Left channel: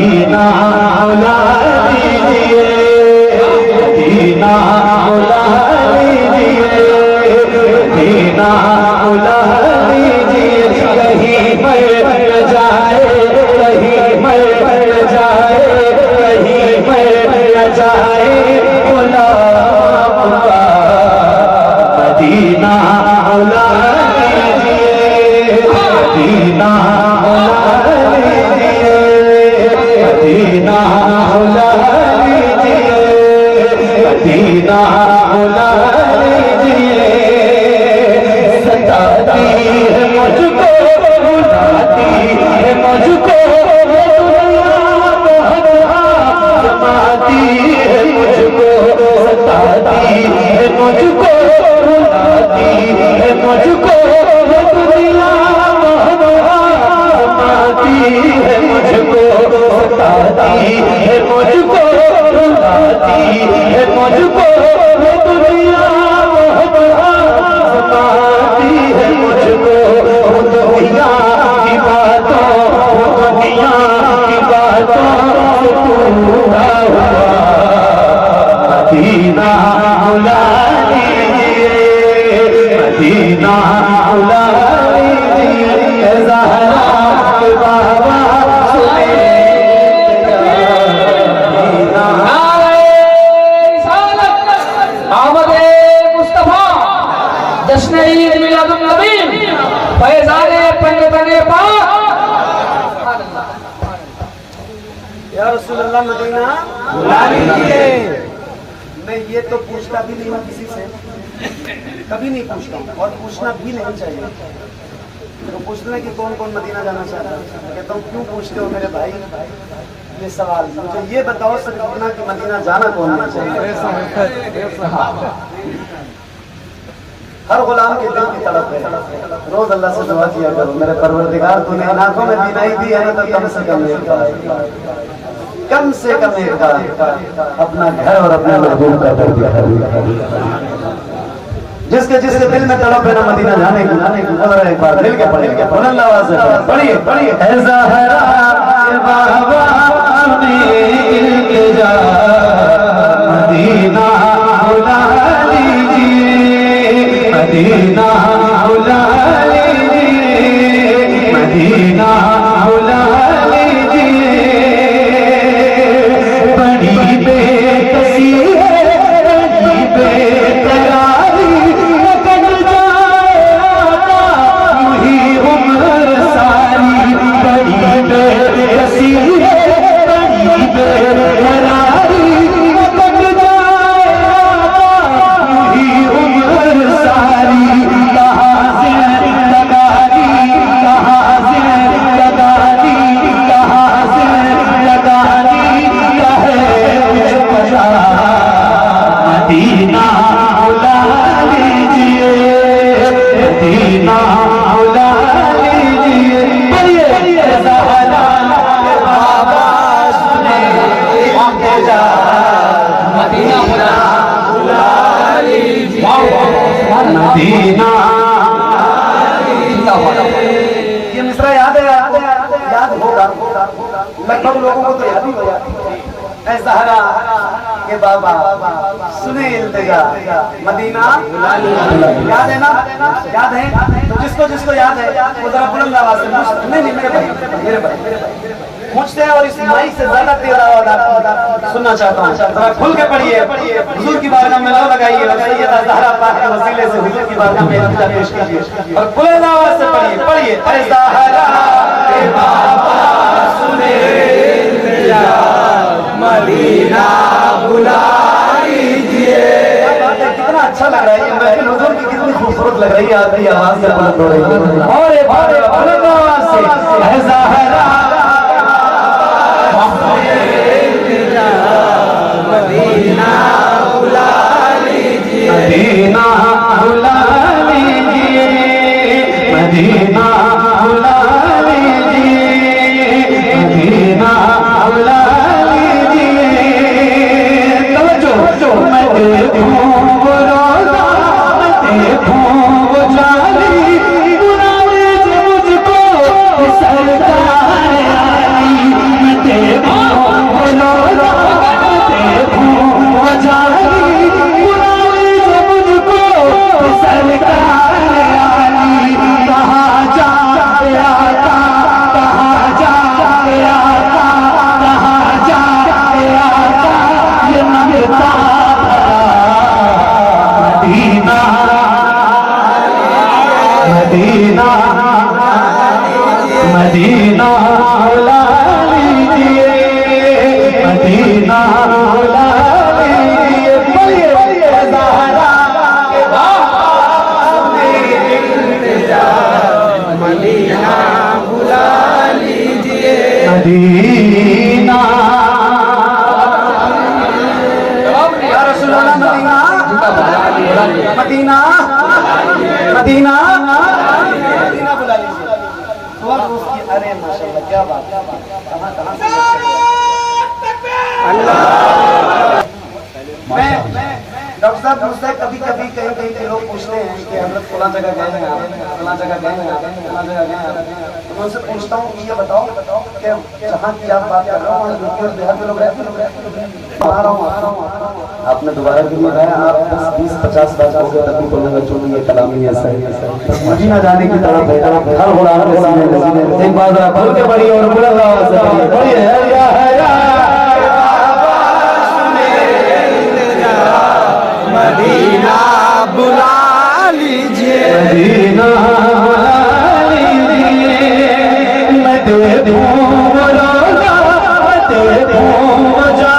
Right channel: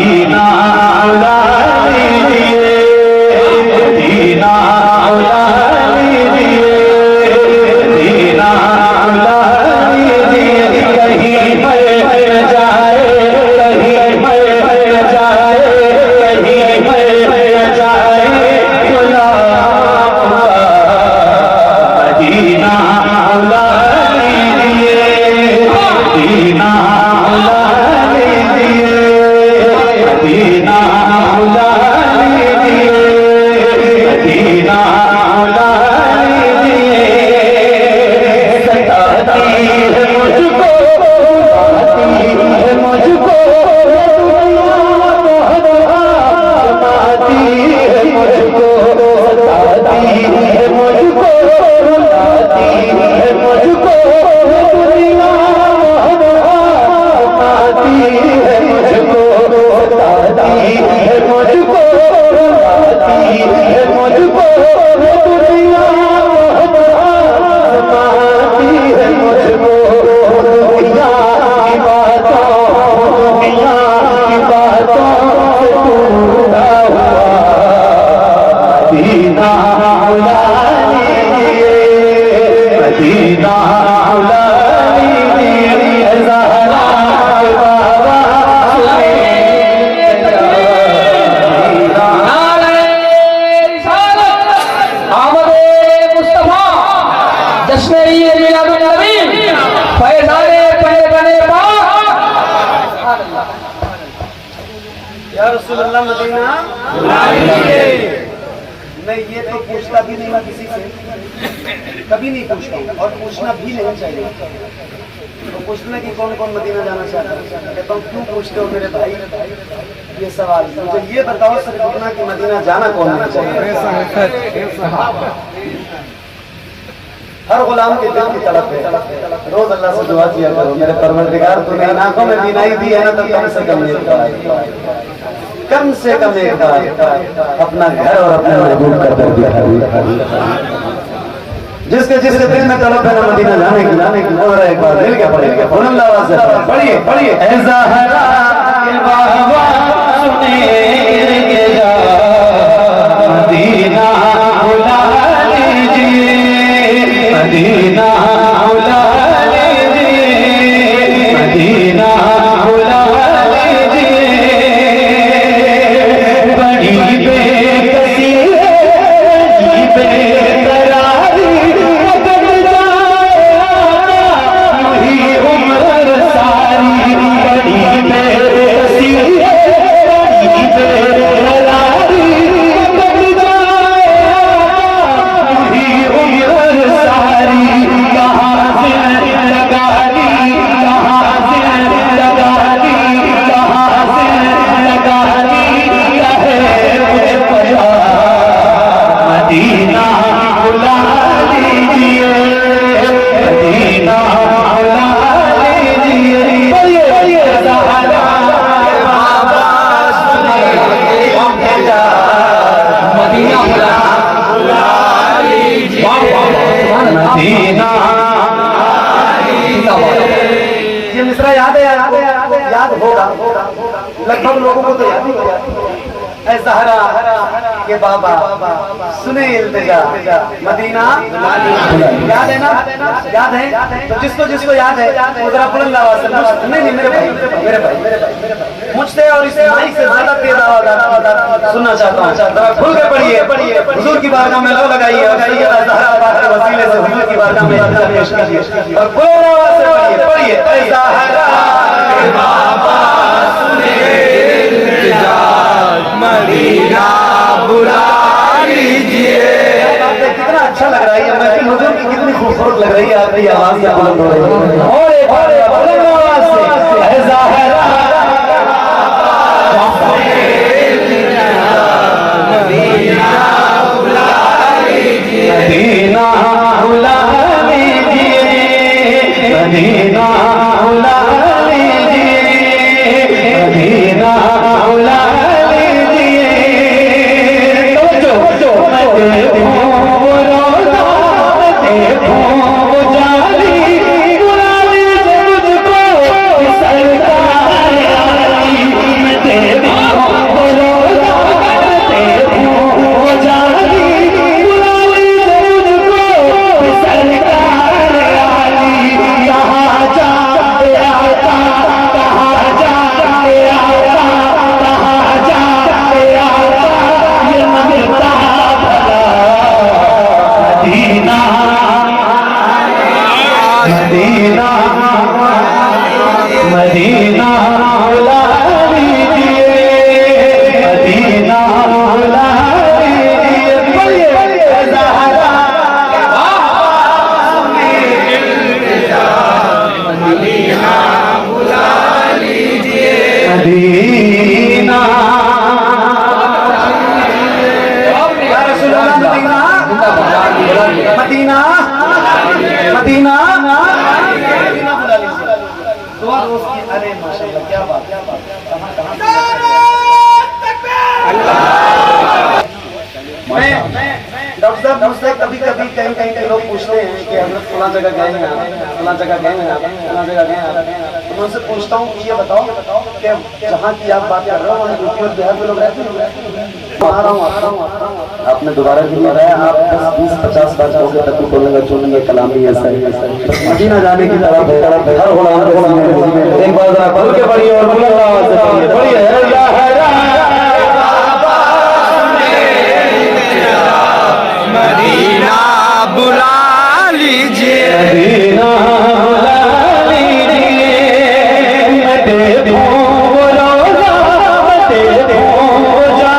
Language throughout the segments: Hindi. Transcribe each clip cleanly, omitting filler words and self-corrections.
मदीना बुला लीजिए, मदीना बुला लीजिए, मदीना बुला लीजिए। कहीं मर जाए, कहीं मर जाए, कहीं मर जाए, बुला मदीना बुला लीजिए, मदीना बुला लीजिए, मदीना बुला लीजिए, मदीना बुला लीजिए। सताती है मुझको, सताती है मुझको दुनिया, सताती है मुझको, सताती है मुझको, सताती है मुझको दुनिया, सताती है मुझको, सताती है मुझको, सताती है मुझको दुनिया, सताती है मुझको दुनिया की बातों, दुनिया की बातों से टूटा हुआ। मदीना बुला लीजिए, मदीना बुला लीजिए। ज़हरा के बाबा रसूलुल्लाह मदीना। मैं ये तो पूछता भी नहीं, मैं किसी से कभी नहीं पूछता और पूछना भी नहीं चाहिए। तो पूछना कि कौन कौन मदीना जाना चाहता है, कहता हूँ क्यों पूछते हो मेरे भाई ये सवाल। मुझे ये बताओ सर कि मदीना जाना कौन नहीं चाहता। हर गुलाम के दिल की तड़प है, रोज अल्लाह से दुआ किया करो, मेरे परवरदिगार तूने इन आंखों में बीनाई दी है ना, तो कम से कम एक कम से कम एक अपना घर और अपने महबूब का दर दिखा। जिसके जिसके दिल में तड़प है ना मदीना जाने की और एक बार मिल के पढ़ेंगे बुलंद आवाज से पढ़िए पढ़िए। ऐसा बाबा सुनेंगे जा, मदीना बुला लीजिए, मदीना बुला लीजिए, मदीना बुला लीजिए। बड़ी बेकसी है, बड़ी बेकरारी, बदल जाएगा यूं उम्र सारी। बड़ी बेकसी है, बड़ी बेकरारी, बदल जाएगा यूं उम्र सारी। कहाँ जिंदगानी, कहाँ जिंदगानी, कहाँ जिंदगानी कहे मुझ पता। मदीना बुला लीजिए, मदीना बुला लीजिए। बोलिए ज़हरा के बाबा सुनेंगे जा, मदीना बुला लीजिए, मदीना। ये मिसरा याद है, याद होगा लगभग लोगों को तो याद ही होगा। ऐ ज़हरा के बाबा सुने इल्तिजा, मदीना याद है ना, याद है। तो जिसको जिसको याद है तो जरा बुलंद आवाज से नहीं मेरे भाई, मेरे भाई मुझसे और इस माइक से ज्यादा तेज आवाज सुनना चाहता हूँ। जरा खुल के पढ़िए, हुजूर की बारगाह में लो लगाइए और सैयदा ज़हरा पाक के वसीले से हुजूर की बारगाह में पेश कीजिए और बुलंद आवाज से पढ़िए। ऐ ज़हरा के बाबा सुने इल्तिजा, मदीना बुला लीजिए। कितना अच्छा लग रहा है ये महफिल, हुजूर की कितनी खूबसूरत लग रही है आपकी आवाज से बुलंद हो रही है। और एक बार बुलंद आवाज से ऐ ज़हरा मदीना बुला लीजिए, मदीना बुला लीजिए, मदीना बुला लीजिए, मदीना बुला देखूं वो जाली, बुला लीजिए मुझको सरकार। मदीना या रसूल अल्लाह मदीना मदीना मदीना मदीना बुला लीजिए दुआ उसकी। अरे माशाल्लाह क्या बात मैं डॉक्टर साहब मुझसे कभी कभी कहीं कहीं के लोग पूछते हैं कि हम फला जगह गए हैं फला जगह गए हैं फला जगह गए हैं, तो मैं उनसे पूछता हूँ कि ये बताओ कि जहाँ की आप बात कर रहे हो यूपी और बिहार में लोग रहते हैं। आपने दोबारा भी बताया आप 10-20-50 बार होंगे तक बोलेंगे चुनेंगे कलामी ऐसा ही मदीना जाने की तरफ हर गुलाम के सीने में एक बार जरा बोल के पढ़िए और बुलंद आवाज से पढ़िए पढ़िए या मदीना बुला लीजिए मदीना बुला लीजिए मते बोलो मते मदीना बुला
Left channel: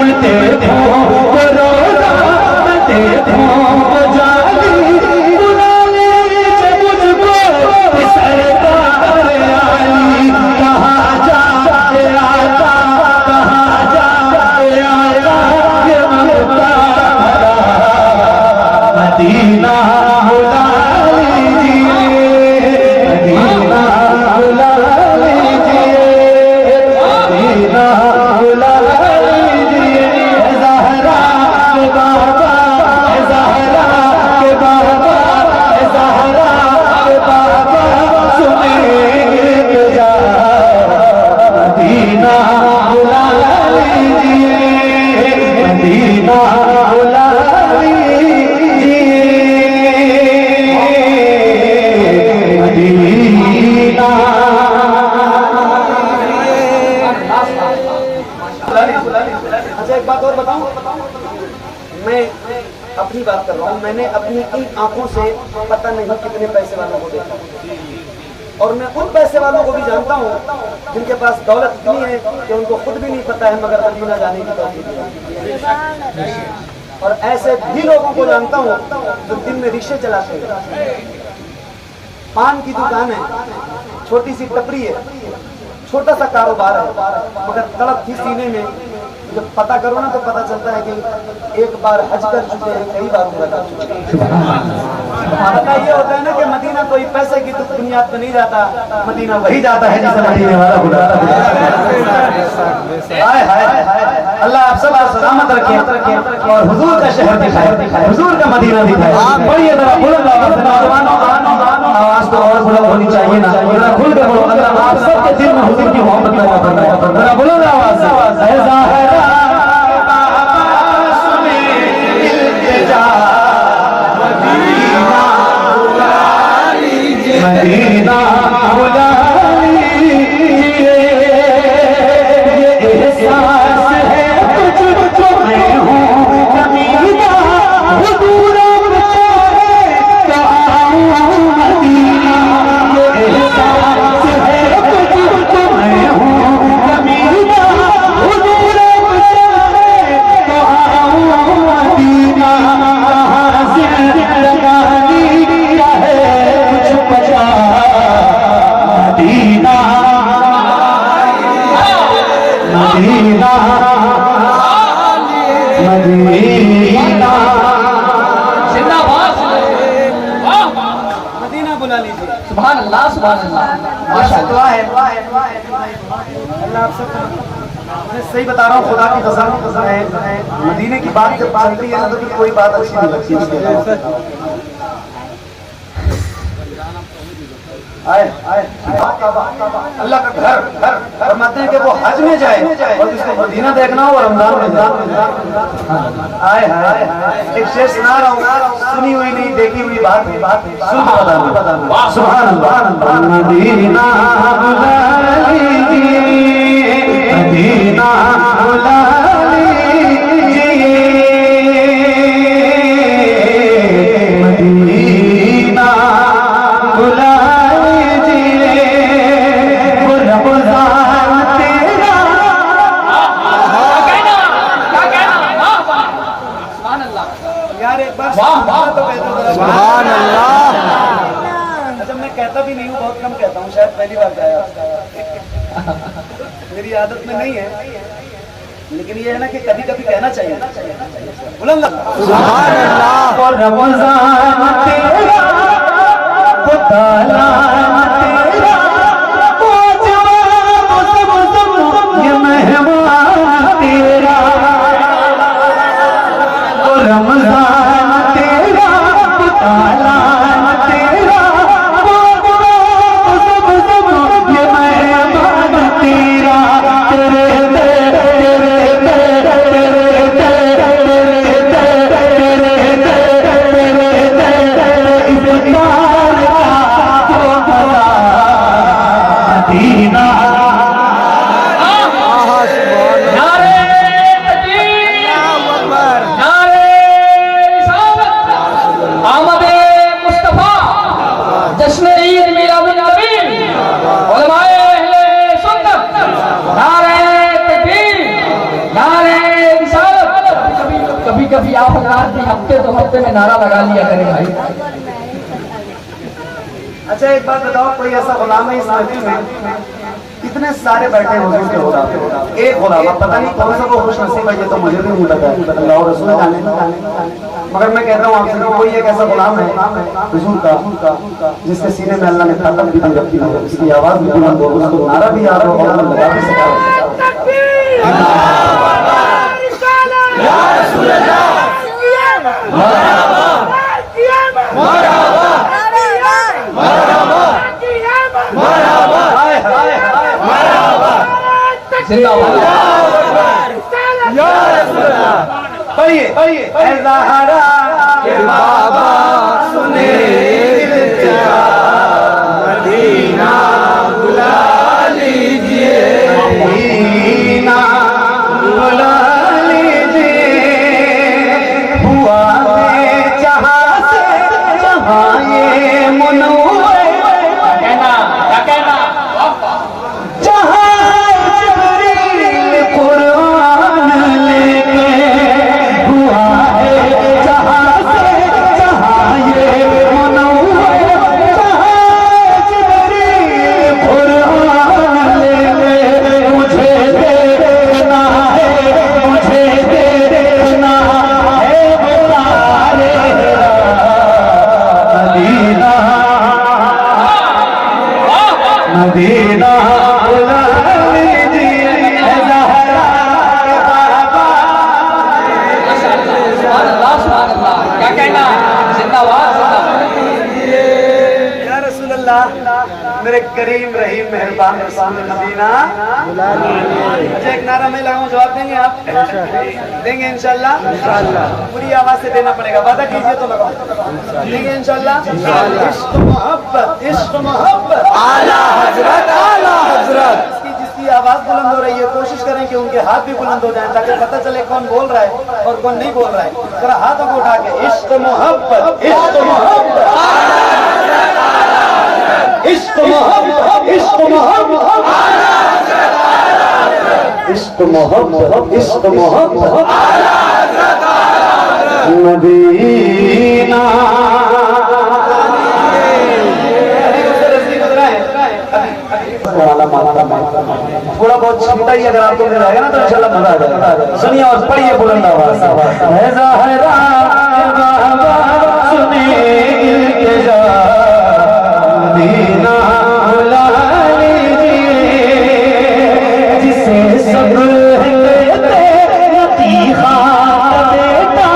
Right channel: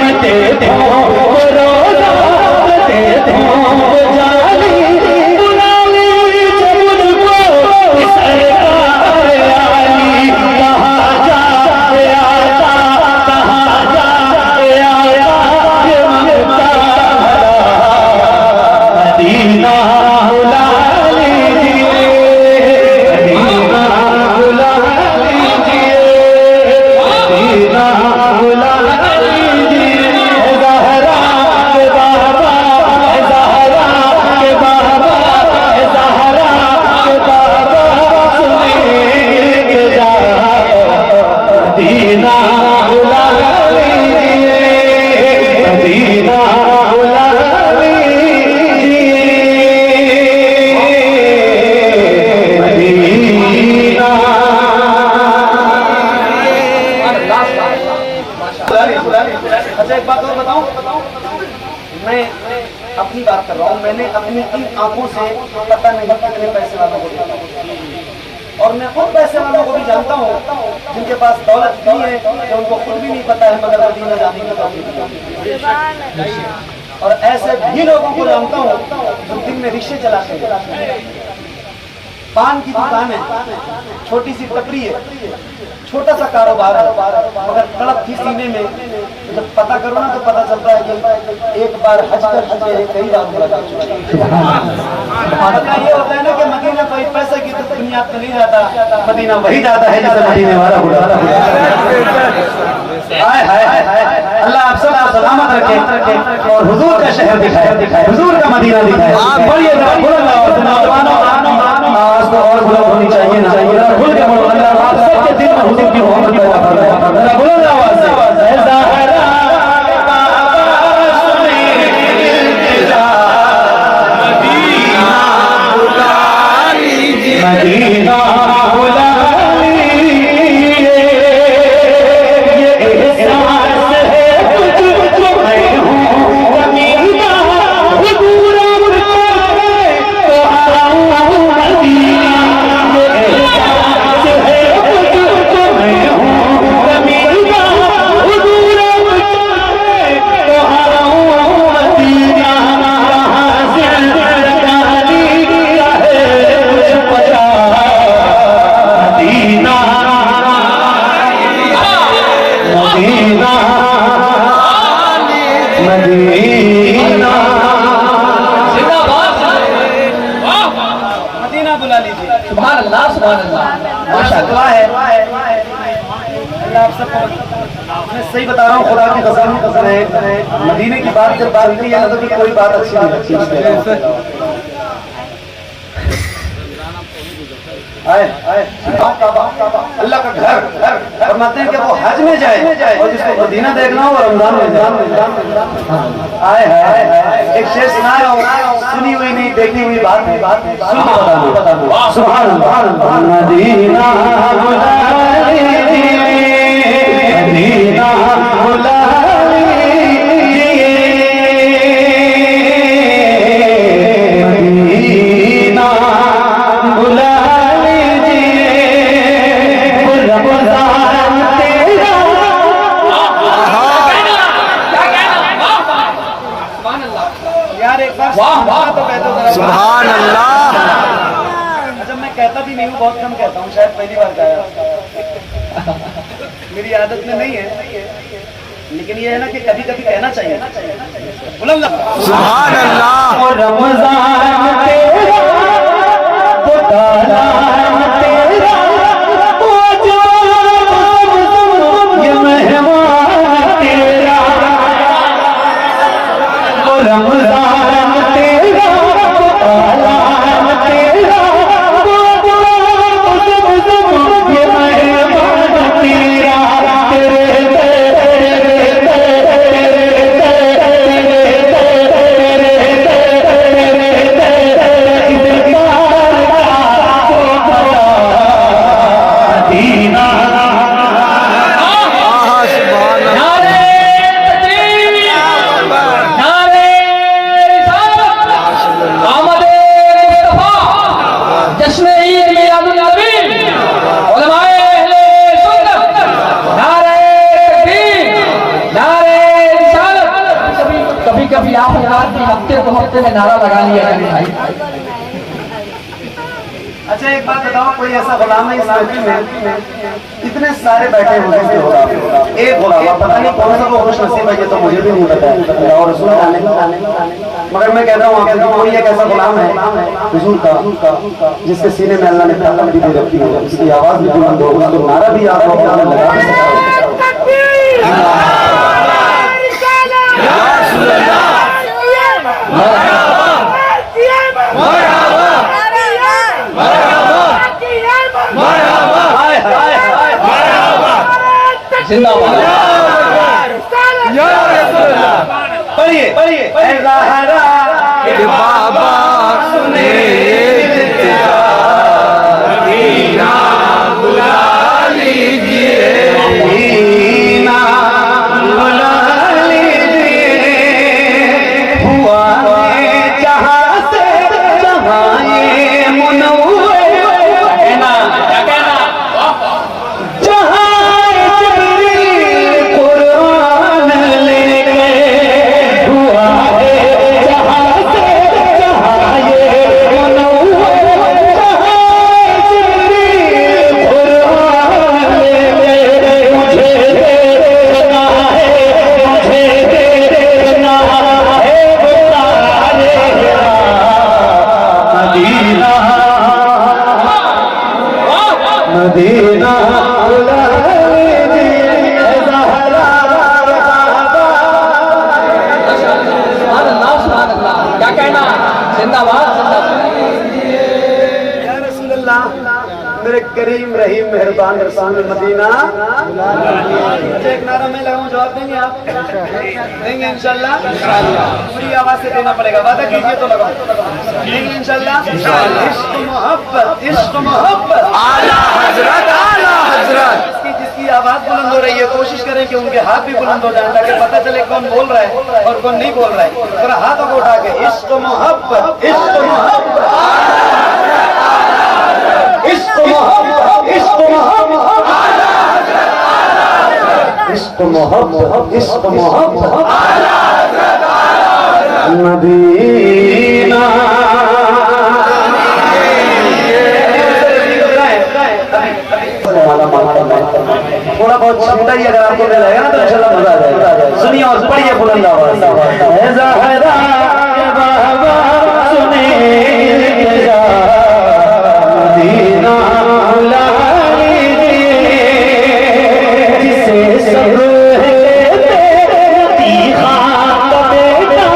लीजिए मदीना बुला लीजिए मदीना बुला लीजिए ज़हरा के बाबा ज़हरा के बाबा ज़हरा के बाबा सुने के जा मदीना बुला लीजिए मदीना बुला अच्छा एक बात और बताऊं, मैं अपनी बात कर रहा हूँ। मैंने अपनी इन आंखों से पता नहीं कितने पैसे वालों को देखा और मैं उन पैसे वालों को भी जानता हूँ जिनके पास दौलत इतनी है कि उनको खुद भी नहीं पता है मगर मदीना जाने की तौफीक नहीं। और ऐसे भी लोगों को जानता हूँ जो दिन में रिक्शे चलाते हैं, पान की दुकान है, छोटी सी टपरी है, छोटा सा कारोबार है मगर तड़प थी सीने में। जब पता करो ना तो पता चलता है कि एक बार हज कर चुके हैं, कई बार उम्रा कर चुके हैं। पता ये होता है ना कि मदीना कोई पैसे की तो बुनियाद पर नहीं जाता, मदीना वही जाता है जिसे मदीने वाला बुलाता है। हाय हाय अल्लाह आप सब सलामत रखे और हुजूर का शहर दिखाए हुजूर का मदीना दिखाए। बोलिए जरा बुलंद आवाज से आज तो और बुलंद होनी चाहिए ना, जरा खुल के बोलो अल्लाह आप सबके दिल में हुजूर की मोहब्बत पैदा करना। जरा बुलंद आवाज से ज़हरा बाबा सुने इल्तिजा मदीना बुला लीजिए मदीना बुला लीजिए ये एहसास है तुझको मैं हूँ ज़मीना हुजूर मदीना ये एहसास है तुझको मैं हूँ ज़मीना हुजूर मदीना कहाँ से लगानी है कुछ बचा मदीना मदीना मदीना मदीना बुला लीजिए। सुभान अल्लाह माशाअल्लाह है अल्लाह आप सबको। मैं सही बता रहा हूँ, खुदा की कसम है मदीने की बात जब बात होती है ना तो कोई बात अच्छी नहीं लगती। अल्लाह का घर फरमाते हैं कि वो हज में जाए और जिसको मदीना देखना हो रमजान में आए हाय एक शेर सुना रहा हूँ, सुनी हुई नहीं देखी हुई बात सुन के बताना। सुभान अल्लाह मदीना बुला लीजिए मदीना बुला लीजिए मदीना बुला सुभान अल्लाह। बहुत कम कहता हूँ, शायद पहली बार गाया, मेरी आदत में नहीं है, लेकिन ये है ना कि कभी कभी कहना चाहिए। बुलंद सुभान अल्लाह। और रमजान तेरा वो ताला तेरा वो जवान ये मेहमान तेरा। और रमजान तेरा वो ताला तेरा वो जवान ये मेहमान तेरा। कभी कभी आप हफ्ते 2 हफ्ते में नारा लगा लिया करें भाई। अच्छा एक बात बताओ, कोई ऐसा गुलाम है इस महफिल में, इतने सारे बैठे हुए हैं, एक गुलाम, पता नहीं कौन सा वो खुश नसीब है, ये तो मुझे भी नहीं पता है, और उसमें मगर मैं कहता हूँ आपसे कोई एक ऐसा गुलाम है हुजूर का जिसके सीने में अल्लाह ने ताकत भी दे रखी है, उसकी आवाज भी बुलंद हो, उसको नारा भी याद हो, और लगा भी सकता है। कि बाबा सुने इल्तिजा, दीना बुला लीजिए, दीना बुला लीजिए, हुआ ये जहाँ से जहाँ ये मुनव्वर, जहाँ जिब्रील कुरान लेके, हुआ है जहाँ से जहाँ ये मुनव्वर, जहाँ जिब्रील कुरान लेके, मुझे देखना है, मुझे देखना है, बता रे मदीना, मदीना बुला लीजिए ज़हरा बाबा। सुभान अल्लाह, सुभान अल्लाह। क्या कहना, जिंदाबाद या रसूल अल्लाह, मेरे करीम रहीम मेहरबान रसूल मदीना। अच्छा एक नारा मैं लगाऊं, जवाब देंगे आप? देंगे इंशाल्लाह? पूरी आवाज से देना पड़ेगा, वादा कीजिए तो लगाओ, देंगे इंशाल्लाह? इश्क मोहब्बत, इश्क मोहब्बत, आला हजरत, आला हजरत। जिसकी आवाज बुलंद हो रही है, कोशिश करें कि उनके हाथ भी बुलंद हो जाए, ताकि पता चले कौन बोल रहा है और कौन नहीं बोल रहा है। थोड़ा हाथों को उठा के इश्क मोहब्बत, इश्क मोहब्बत, इश्क मोहब्बत, इश्क मोहब्बत, इश्क मोहब्बत, इश्क मोहब्बत, मदीना। थोड़ा बहुत छीटा ही अगर आपको मिल जाएगा ना तो इंशाल्लाह मजा आ जाएगा। सुनिए और पढ़िए बुलंद आवाज से। सुने मदीना बुला लीजिए, जिसे सब तीखा बेटा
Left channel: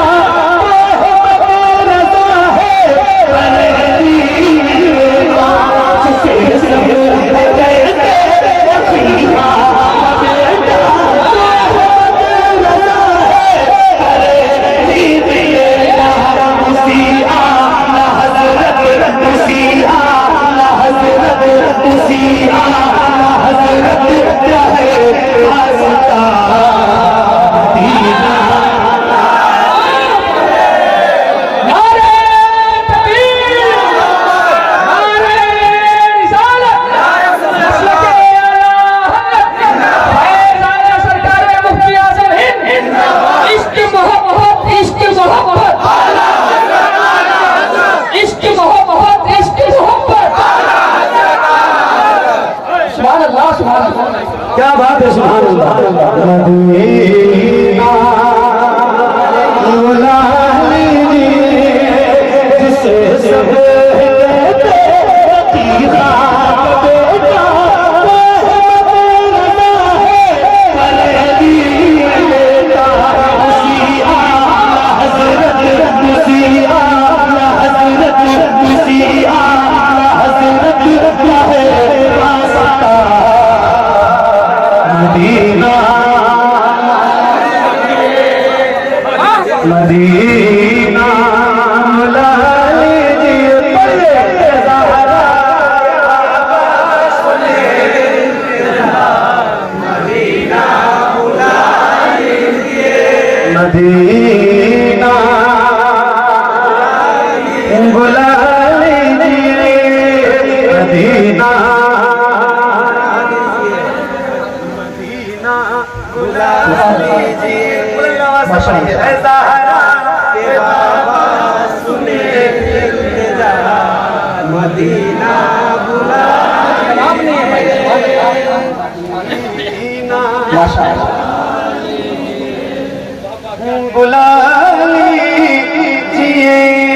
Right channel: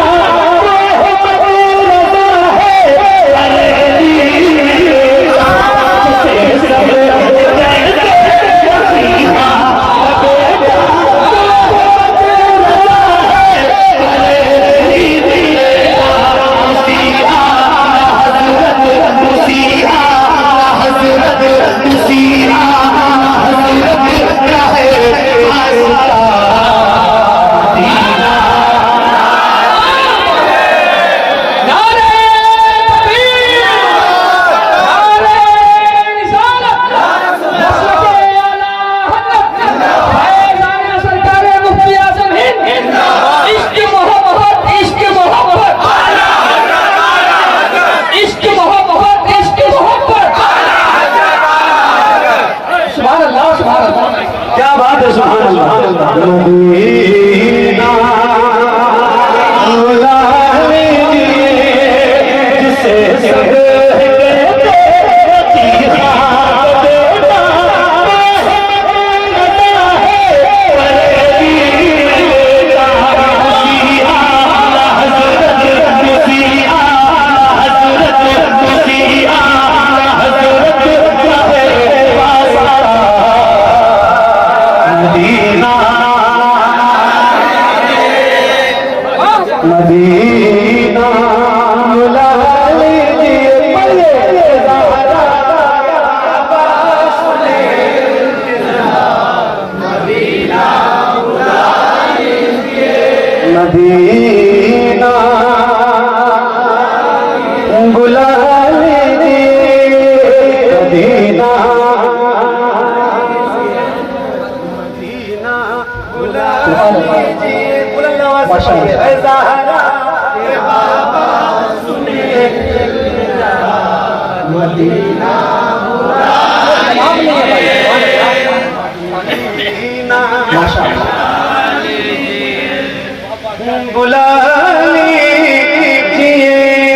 मदीना बुला लीजिए मदीना बुला लीजिए मदीना मदीना बुला लीजिए ऐ ज़हरा के बाबा सुने मदीना बुला लीजिए मदीना बुला लीजिए